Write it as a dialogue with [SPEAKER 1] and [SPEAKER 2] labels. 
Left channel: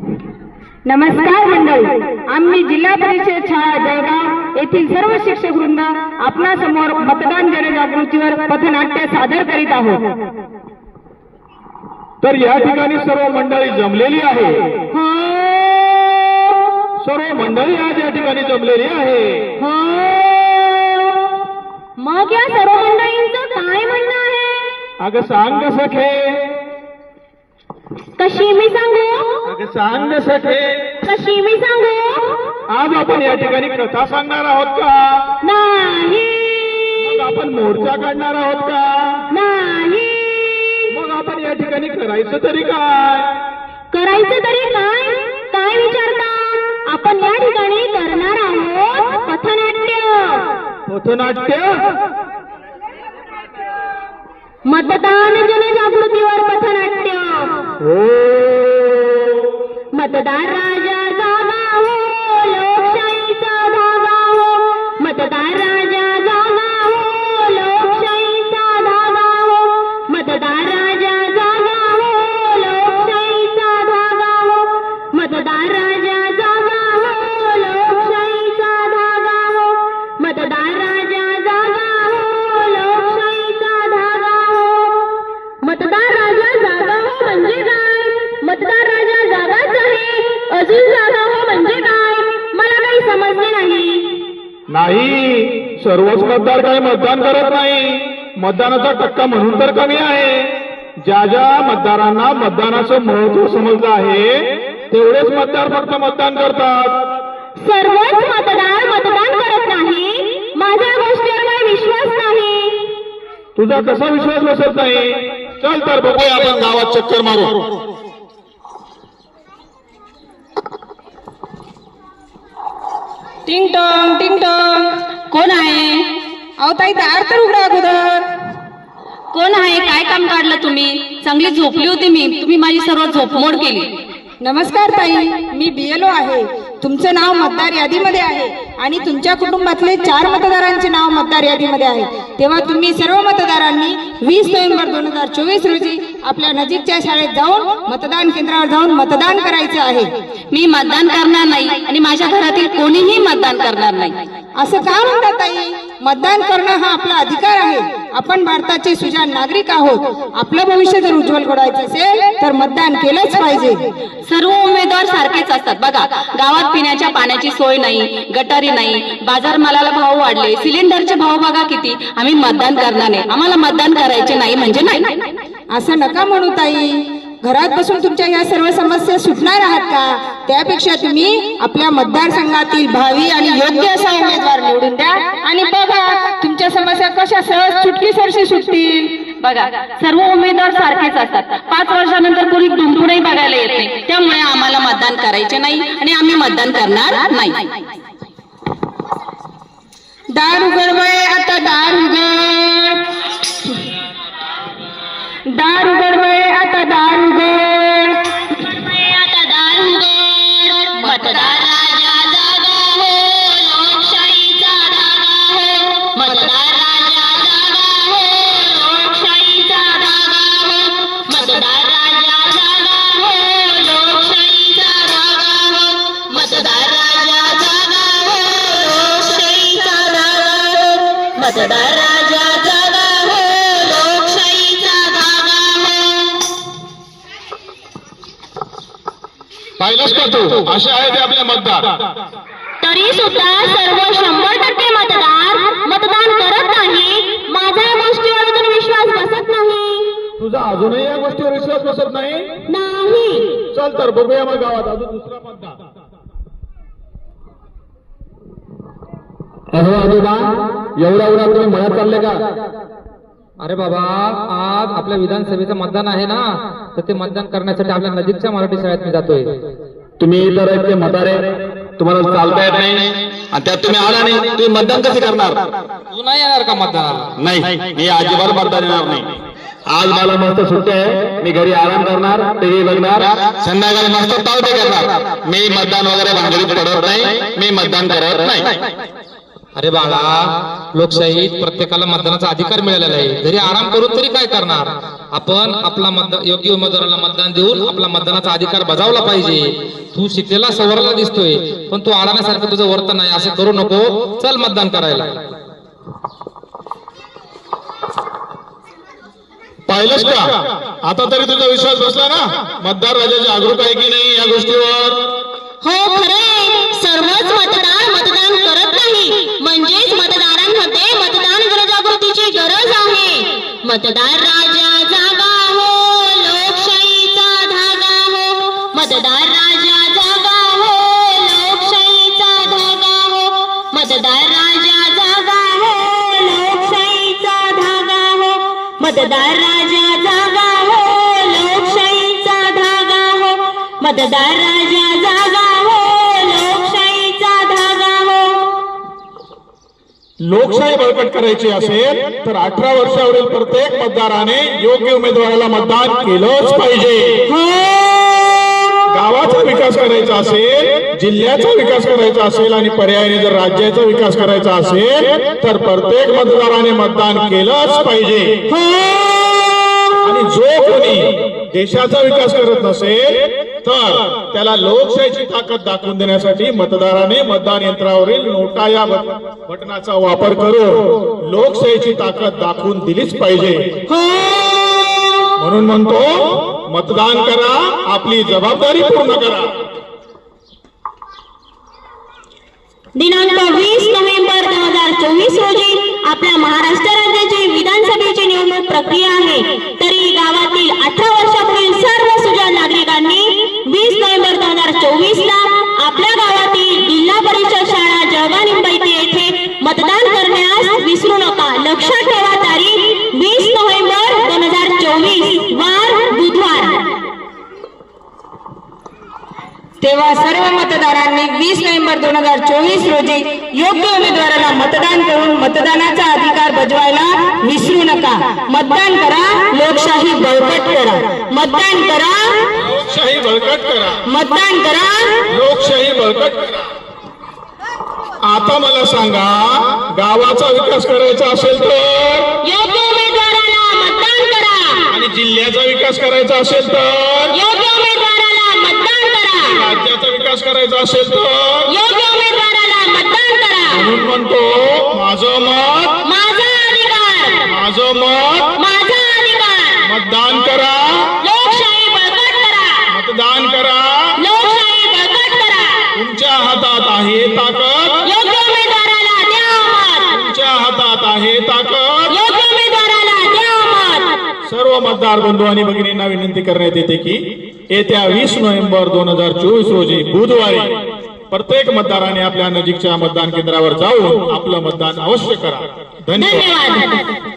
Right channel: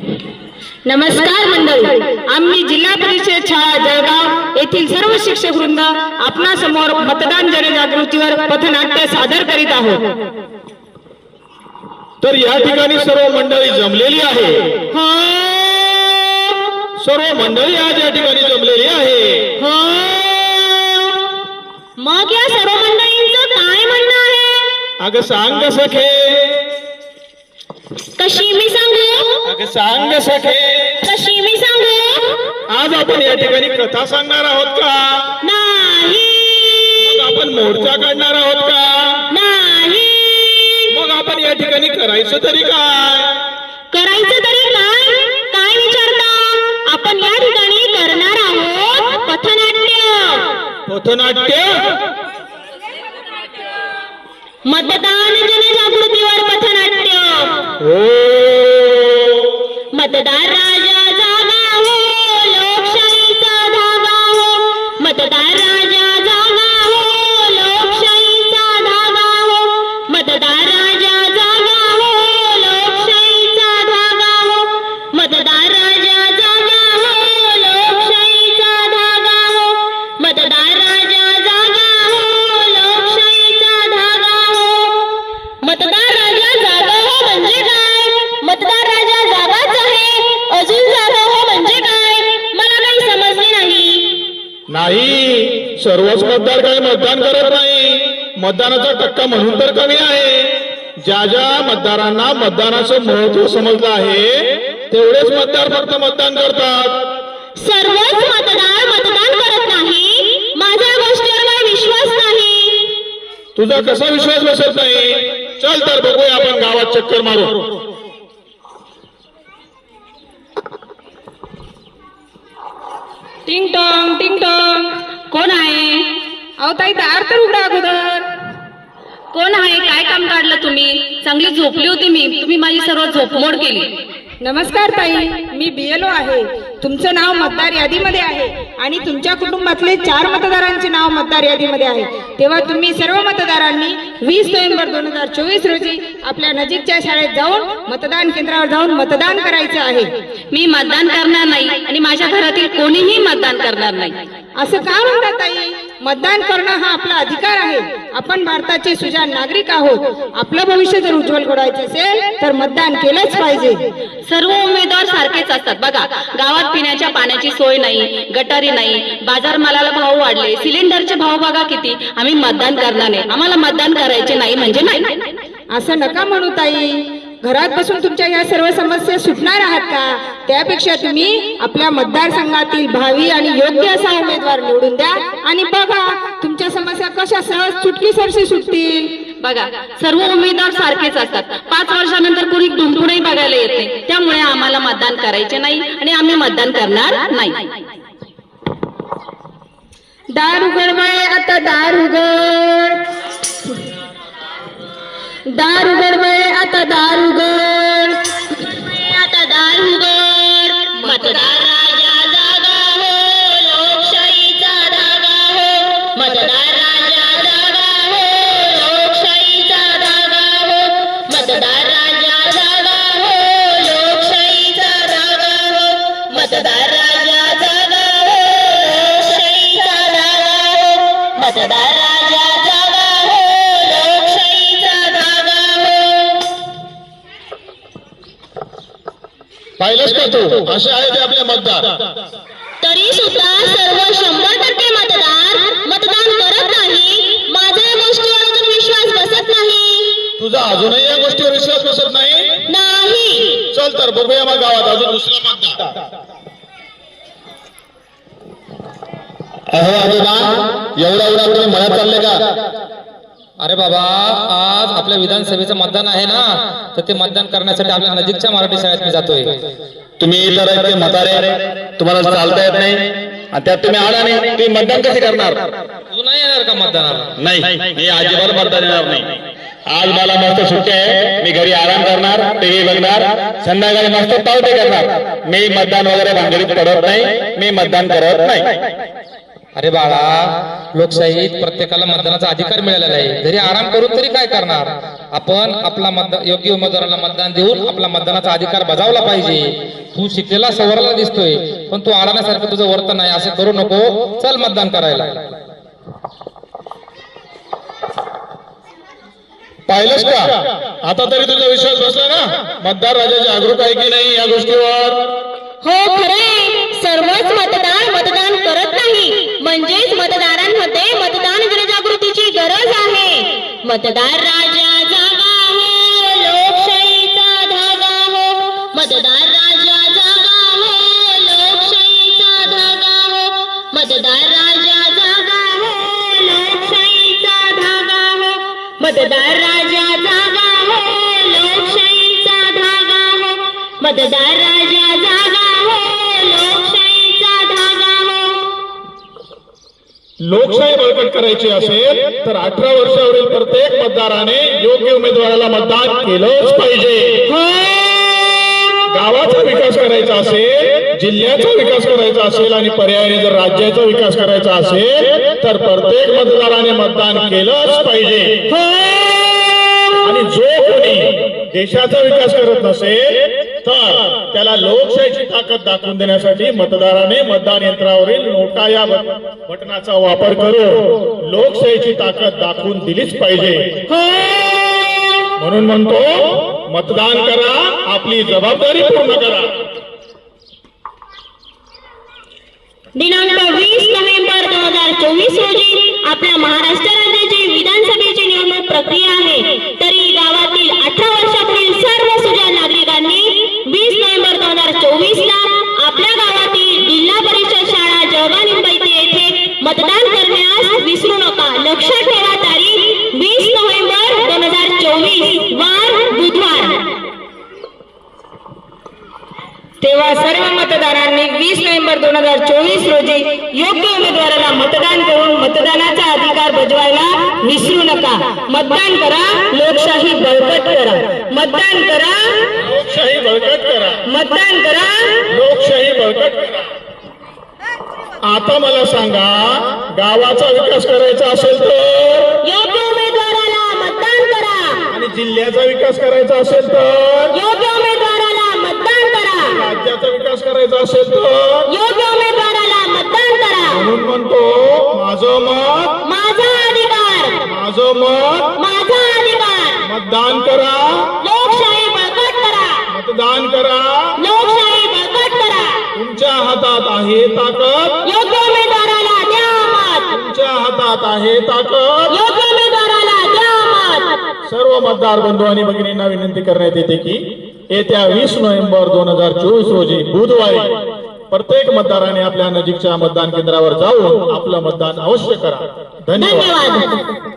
[SPEAKER 1] नमस्कार मंडळी आम्ही जिल्हा परिषद शाळा जळगाव येथील सर्व शिक्षक वृंद आपणा समोर मतदान जनजागृतीवर पथनाट्य सादर करीत आहोत.
[SPEAKER 2] तर या ठिकाणी सर्व मंडळी जमलेली आहे.
[SPEAKER 1] हो,
[SPEAKER 2] सर्व मंडळी आज या ठिकाणी जमलेली आहे.
[SPEAKER 1] हो. मग या सर्व मंडळींचं काय म्हणणं आहे?
[SPEAKER 2] अगं सांग सखे
[SPEAKER 1] कशी मी सांगू?
[SPEAKER 2] अगं सांग सखे.
[SPEAKER 1] कशी मी सांगू?
[SPEAKER 2] आज आपण या ठिकाणी कथा सांगणार आहोत का?
[SPEAKER 1] नाही.
[SPEAKER 2] मग आपण मोर्चा काढणार आहोत का?
[SPEAKER 1] नाही.
[SPEAKER 2] मग आपण या ठिकाणी करायचं तरी काय?
[SPEAKER 1] करायचं तरी काय? काय विचारता? आपण या ठिकाणी करणार आहोत पथनाट्य.
[SPEAKER 2] पथनाट्य?
[SPEAKER 1] मतदान जनजागृतीवर
[SPEAKER 2] हो.
[SPEAKER 1] मतदार राजा जागा हो लोकशाहीचा धागा हो. मतदार नाही.
[SPEAKER 2] सर्वच मतदार काय मतदान करत नाही. मतदानाचा टक्का म्हणून तर कमी आहे. ज्या ज्या मतदारांना मतदानाचं महत्त्व समजलं आहे तेवढेच मतदार फक्त मतदान करतात.
[SPEAKER 1] सर्वच मतदार मतदान करत नाही. माझ्या गोष्टीवर काही विश्वास नाही.
[SPEAKER 2] तुझा कसा विश्वास बसत नाही? चल तर बघूया आपण गावात चक्कर मारू
[SPEAKER 3] टिंग टॉंग टिंग टॉंग. कोण आहे? अहो ताई दार तर उघडा अगोदर.
[SPEAKER 1] कोण आहे? काय काम काढलं तुम्ही? चांगली झोपली होती मी. तुम्ही माझी सर्व झोपमोड केली.
[SPEAKER 3] नमस्कार ताई. मी बीएलओ आहे. तुमचं नाव मतदार यादीमध्ये आहे आणि तुमच्या कुटुंबातले चार मतदारांचे नाव मतदार यादीमध्ये आहे. तेव्हा तुम्ही सर्व मतदारांनी वीस नोव्हेंबर दोन हजार चोवीस रोजी आपल्या नजीकच्या शाळेत जाऊन मतदान केंद्रावर जाऊन मतदान करायचं आहे.
[SPEAKER 1] मी मतदान करणार नाही आणि माझ्या घरातील कोणीही मतदान करणार नाही.
[SPEAKER 3] असं का म्हणतात ताई? मतदान करणं हा आपला अधिकार आहे. आपण भारताचे सुजाण नागरिक आहोत. आपलं भविष्य जर उज्ज्वल घडवायचं असेल तर मतदान केलंच पाहिजे.
[SPEAKER 1] सर्व उमेदवार सारखेच असतात. बघा गावात पिण्याच्या पाण्याची सोय नाही गटारी नाही बाजार मालाला भाव वाढले सिलेंडरचे भाव बघा किती. आम्ही मतदान करणार नाही. आम्हाला मतदान करायचे नाही म्हणजे नाही.
[SPEAKER 3] असं नका म्हणू ताई. घरात बसून तुमच्या या सर्व समस्या सुटणार आहात का? त्यापेक्षा तुम्ही आपल्या मतदारसंघातील भावी आणि योग्य असा उमेदवार निवडून द्या. आणि बघा तुमच्या समस्या कशा सहज चुटकी सरशी सुटतील.
[SPEAKER 1] बघा सर्व उमेदवार सारखेच असतात. पाच वर्षानंतर कोणी डुंबूनही बघायला येत नाही. त्यामुळे आम्हाला मतदान करायचे नाही आणि आम्ही मतदान करणार नाही.
[SPEAKER 3] दार उघड आता दार उघड. दार उघड. आता दार उघड
[SPEAKER 1] आता दार उघड मतदार राजा जागा हो लोकशाहीचा धागा हो. मतदार राजा जागा हो लोकशाहीचा धागा हो. मतदार राजा जागा हो लोकशाहीचा धागा हो. मतदार राजा जागा हो लोकशाहीचा धागा हो. मतदार राजा
[SPEAKER 2] पाहिलंच का तू असे आहे ते आपले मतदार
[SPEAKER 1] तरी सुद्धा सर्व शंभर टक्के मतदार मतदान करत नाही. माझा या गोष्टीवर अजून विश्वास बसत नाही.
[SPEAKER 2] तुझा अजूनही या गोष्टीवर विश्वास बसत नाही?
[SPEAKER 1] नाही.
[SPEAKER 2] चल तर बघूया मग गावात अजून दुसरा मतदार अहो आजोबा एवढा एवढा तुम्ही म्हणत चालले का?
[SPEAKER 4] अरे बाबा आज आपल्या विधानसभेचं मतदान आहे ना तर ते मतदान करण्यासाठी आपल्या नजीकच्या मराठी शाळेत मी जातोय.
[SPEAKER 2] तुम्ही तर आहेत ते म्हातारे तुम्हाला चालता येत नाही आणि त्यात तुम्ही आला नाही तुम्ही मतदान कसे करणार?
[SPEAKER 4] तू नाही येणार का मतदानाला?
[SPEAKER 2] नाही मी अजिबात मतदान येणार नाही. आज मला मस्त सुट्टी आहे मी घरी आराम करणार टीव्ही बघणार संध्याकाळी मस्त पावते करणार. मी मतदान वगैरे भांगडीत पडत नाही मी मतदान करत नाही.
[SPEAKER 4] अरे बाळा लोकशाहीत प्रत्येकाला मतदानाचा अधिकार मिळालेला आहे. जरी आराम करून तरी काय करणार? आपण आपला मतदान योग्य उमेदवाराला मतदान देऊन आपला मतदानाचा अधिकार बजावला पाहिजे. तू शिकलेला सवरला दिसतोय पण तू आरामासारखं तुझं वर्तन नाही असं करू नको. चल मतदान करायला.
[SPEAKER 2] पाहिलंच का? आता तरी तुझा विश्वास बसला ना? मतदार राजा जागरूक आहे की नाही या गोष्टीवर?
[SPEAKER 1] हो खरे सर्वच मतदार मतदार म्हणजेच मतदारांमध्ये मतदान जनजागृतीची गरज आहे. मतदार राजा जागा हो लोकशाहीचा धागा हो. मतदार राजा जागा हो लोकशाहीचा धागा हो. मतदार राजा जागा हो लोकशाहीचा धागा हो. मतदार राजा जागा हो लोकशाहीचा धागा हो. मतदार राजा
[SPEAKER 2] लोकशाही बळकट करायची असेल तर अठरा वर्षावरील प्रत्येक मतदाराने योग्य उमेदवाराला मतदान केलंच पाहिजे. गावाचा विकास करायचा असेल जिल्ह्याचा विकास करायचा असेल आणि पर्यायाने जर राज्याचा विकास करायचा असेल तर प्रत्येक मतदाराने मतदान केलंच पाहिजे. आणि जो कोणी देशाचा विकास करत नसेल तर त्याला लोकशाहीची ताकद दाखवून देण्यासाठी मतदाराने मतदान यंत्रावरील नोटा या बटनाचा वापर करून लोकशाहीची ताकद दाखवून दिलीच पाहिजे. म्हणून म्हणतो मतदान करा आपली जबाबदारी पूर्ण करा.
[SPEAKER 1] दिनांक वीस नोव्हेंबर दोन हजार चोवीस रोजी आपल्या महाराष्ट्र राज्याची विधानसभेची निवडणूक प्रक्रिया आहे.
[SPEAKER 3] तेव्हा सर्व मतदारांनी वीस नोव्हेंबर दोन हजार चोवीस रोजी योग्य उमेदवाराला मतदान करून मतदानाचा अधिकार बजवायला विसरू नका. मतदान करा लोकशाही बळकट करा. मतदान करा
[SPEAKER 2] लोकशाही बळकट करा.
[SPEAKER 3] मतदान करा.
[SPEAKER 2] लोकशाही बळकट करा. आता मला सांगा गावाचा विकास करायचा असेल तर?
[SPEAKER 1] योग्य उमेदवाराला मतदान करा.
[SPEAKER 2] आणि जिल्ह्याचा विकास करायचा असेल तर? असेल तर
[SPEAKER 1] योग्य उमेदवाराला मतदान करा.
[SPEAKER 2] म्हणून म्हणतो माझं मत
[SPEAKER 1] माझा अधिकार.
[SPEAKER 2] माझं मत
[SPEAKER 1] माझा अधिकार.
[SPEAKER 2] मतदान करा.
[SPEAKER 1] लोकशाही बळकट करा.
[SPEAKER 2] मतदान करा.
[SPEAKER 1] लोकशाही बळकट करा.
[SPEAKER 2] तुमच्या हातात आहे ताकद.
[SPEAKER 1] योग्य उमेदवाराला द्या मत.
[SPEAKER 2] तुमच्या हातात आहे ताकद.
[SPEAKER 1] योग्य उमेदवाराला द्या मत.
[SPEAKER 2] सर्व मतदार बंधू आणि भगिनींना विनंती करण्यात येते की येत्या वीस नोव्हेंबर दोन हजार चोवीस रोजी बुधवारी प्रत्येक मतदाराने आपल्या नजीकच्या मतदान केंद्रावर जाऊन आपलं मतदान अवश्य करा. धन्यवाद.
[SPEAKER 1] धन्यवाद.